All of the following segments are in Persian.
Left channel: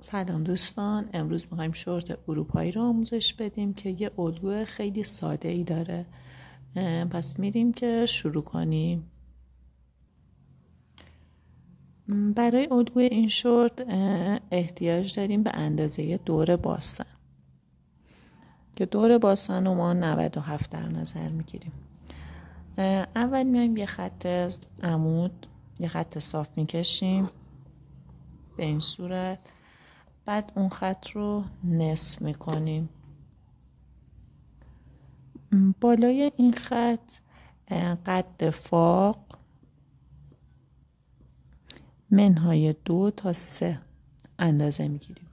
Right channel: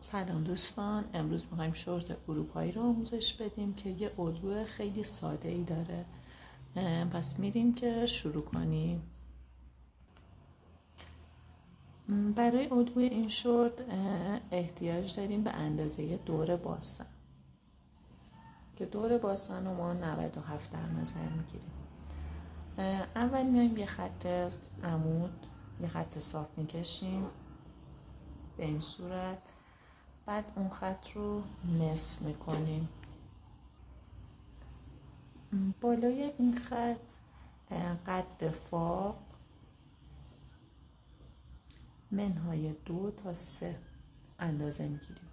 سلام دوستان، امروز میخوایم شورت اروپایی رو آموزش بدیم که یه الگوی خیلی ساده ای داره. پس میریم که شروع کنیم. برای الگوی این شورت احتیاج داریم به اندازه دور باسن که دور باسن رو ما 97 در نظر میگیریم. اول میایم یه خط عمود، یه خط صاف میکشیم به این صورت. بعد اون خط رو نصف میکنیم. بالای این خط قد فاق منهای 2 تا 3 اندازه میگیریم.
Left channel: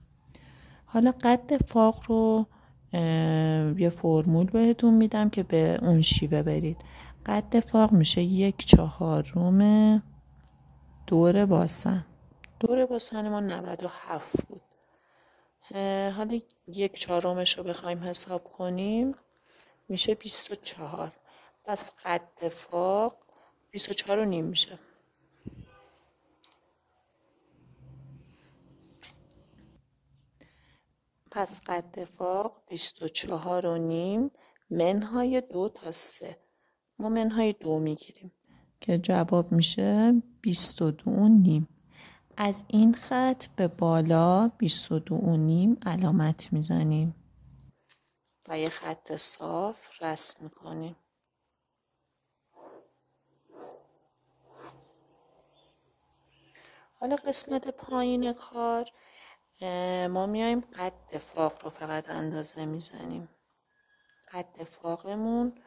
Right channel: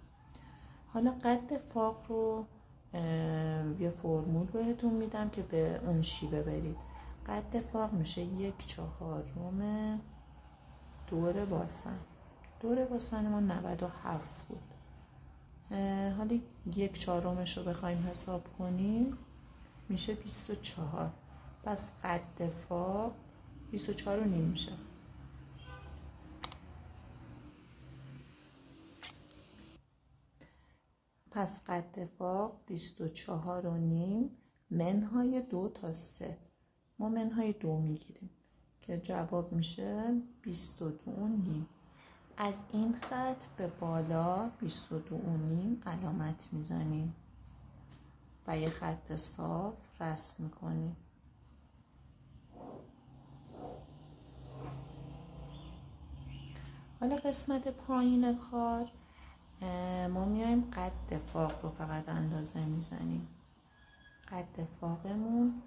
حالا قد فاق رو یه فرمول بهتون میدم که به اون شیوه برید. قد فاق میشه 1/4 دور باسن. دور باسن ما 97 بود. حالا 1/4 رو بخوایم حساب کنیم میشه 24. پس قد فاق 24.5 میشه. پس قد فاق 24.5 منهای 2 تا 3. ما منهای 2 میگیریم که جواب میشه 22.5. از این خط به بالا 22.5 علامت میزنیم و یه خط صاف رسم میکنیم. حالا قسمت پایین کار ما میایم قد فاق رو فقط اندازه میزنیم. قد فاقمون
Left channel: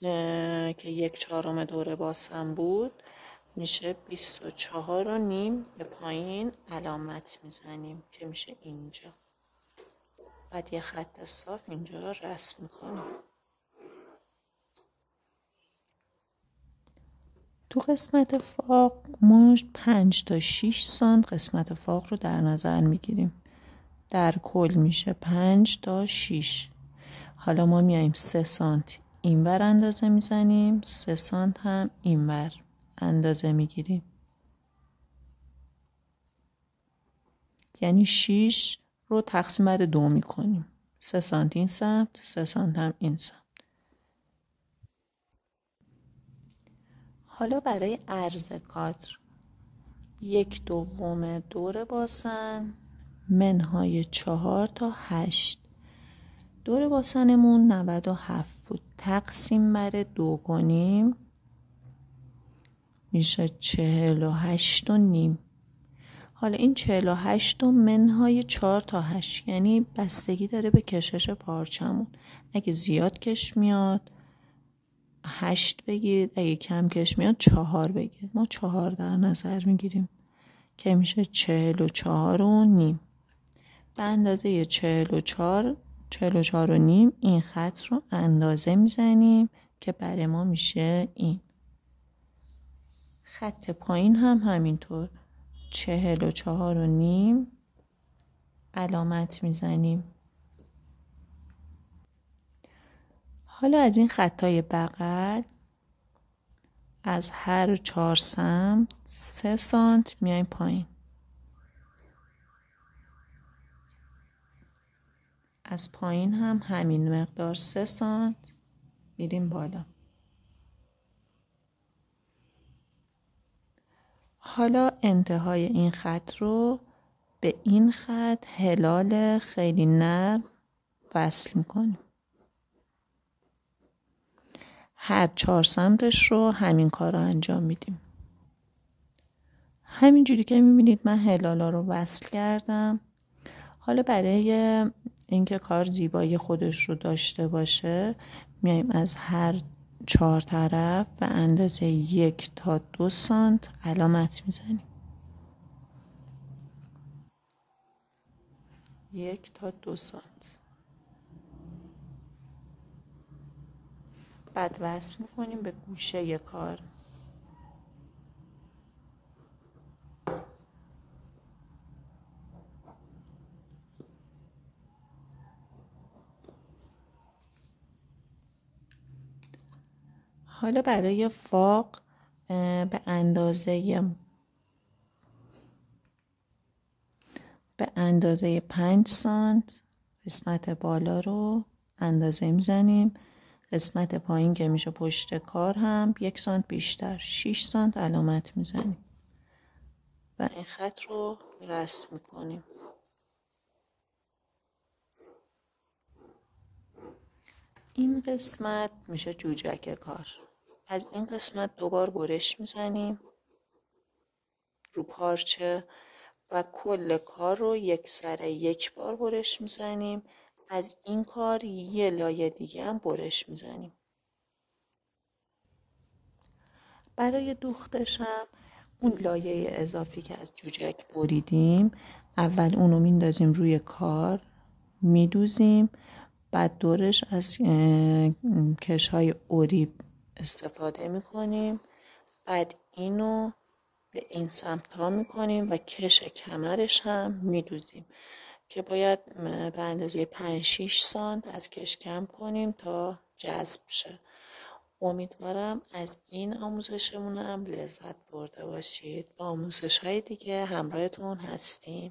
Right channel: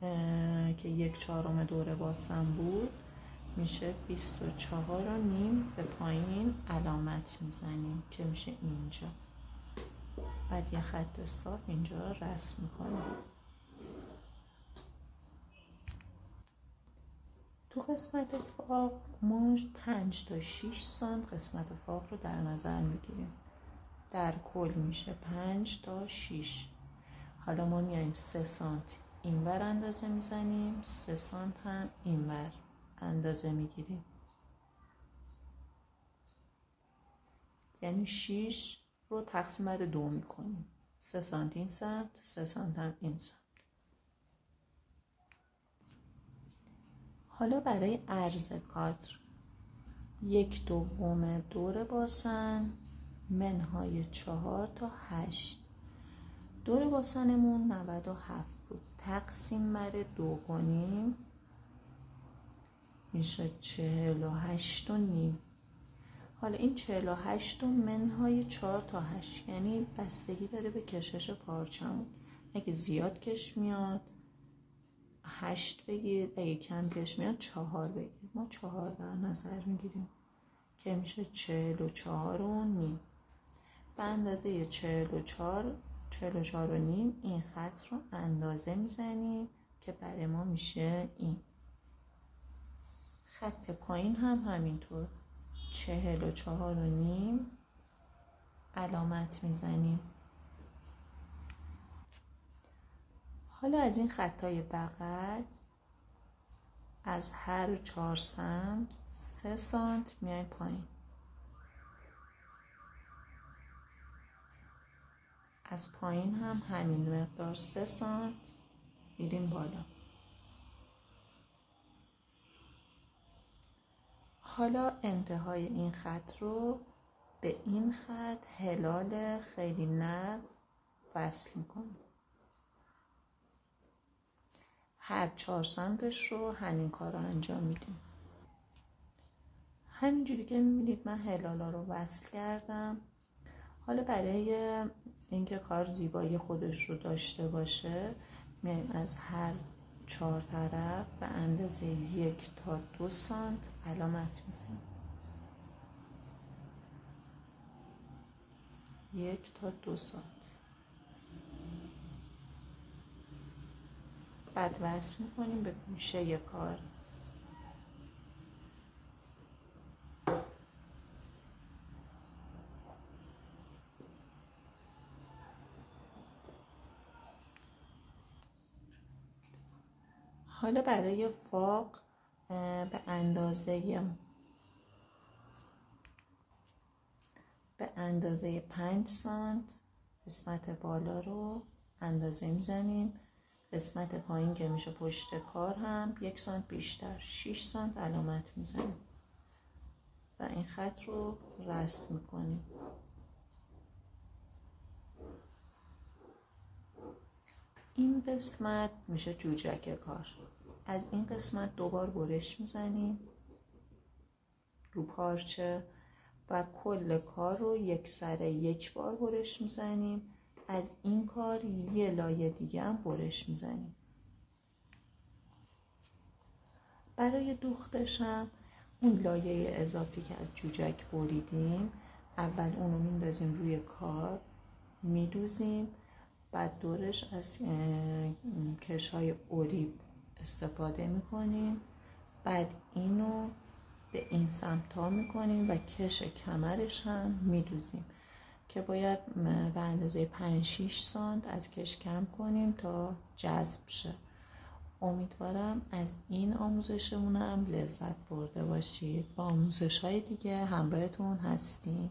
که 1/4 دور باسن بود میشه 24.5. به پایین علامت میزنیم که میشه اینجا. بعد یه خط صاف اینجا رسم میکنیم. تو قسمت فاق ما 5 تا 6 سانت قسمت فاق رو در نظر میگیریم. در کل میشه 5 تا 6. حالا ما میایم 3 سانت اینور اندازه میزنیم، 3 سانت هم اینور اندازه میگیریم. یعنی 6 رو تقسیم بر 2 میکنیم. 3 سانت این سمت، 3 سانت هم این سمت. حالا برای عرض کادر 1/2 دور باسن منهای 4 تا 8. دور باسنمون 97 بود. تقسیم بر 2 کنیم میشه 48.5. حالا این 48 منهای 4 تا 8 یعنی بستگی داره به کشش پارچمون. اگه زیاد کش میاد 8 بگیرید، اگه کم کش میاد 4 بگیرید. ما 4 در نظر میگیریم که میشه 44.5. به اندازه 44.5 این خط رو اندازه میزنیم که برای ما میشه این. خط پایین هم همینطور 44.5 علامت میزنیم. حالا از این خطای بغل از هر 4 سمت 3 سانت میایم پایین. از پایین هم همین مقدار 3 سانت میریم بالا. حالا انتهای این خط رو به این خط هلال خیلی نرم وصل میکنیم. هر 4 سمتش رو همین کار رو انجام میدیم. همینجوری که میبینید من هلالا رو وصل کردم. حالا برای اینکه کار زیبایی خودش رو داشته باشه میایم از هر 4 طرف به اندازه 1 تا 2 سانت علامت میزنیم. 1 تا 2 سانت. بعد وصل میکنیم به گوشه کار. حالا برای فاق به به اندازه 5 سانت قسمت بالا رو اندازه میزنیم. قسمت پایین که میشه پشت کار هم 1 سانت بیشتر 6 سانت علامت میزنیم و این خط رو رسم میکنیم. این قسمت میشه جوجک کار. از این قسمت 2 بار برش میزنیم رو پارچه و کل کار رو یک سره 1 بار برش میزنیم. از این کار یه لایه دیگه هم برش میزنیم. برای دوختش هم اون لایه اضافی که از جوجک بریدیم اول اونو میندازیم روی کار میدوزیم، بعد دورش از کش‌های اوریب استفاده میکنیم، بعد اینو به این سمت ها میکنیم و کش کمرش هم میدوزیم که باید به اندازه 5-6 سانت از کش کم کنیم تا جذب شه. امیدوارم از این آموزشمون هم لذت برده باشید. با آموزش های دیگه همراهتون هستیم.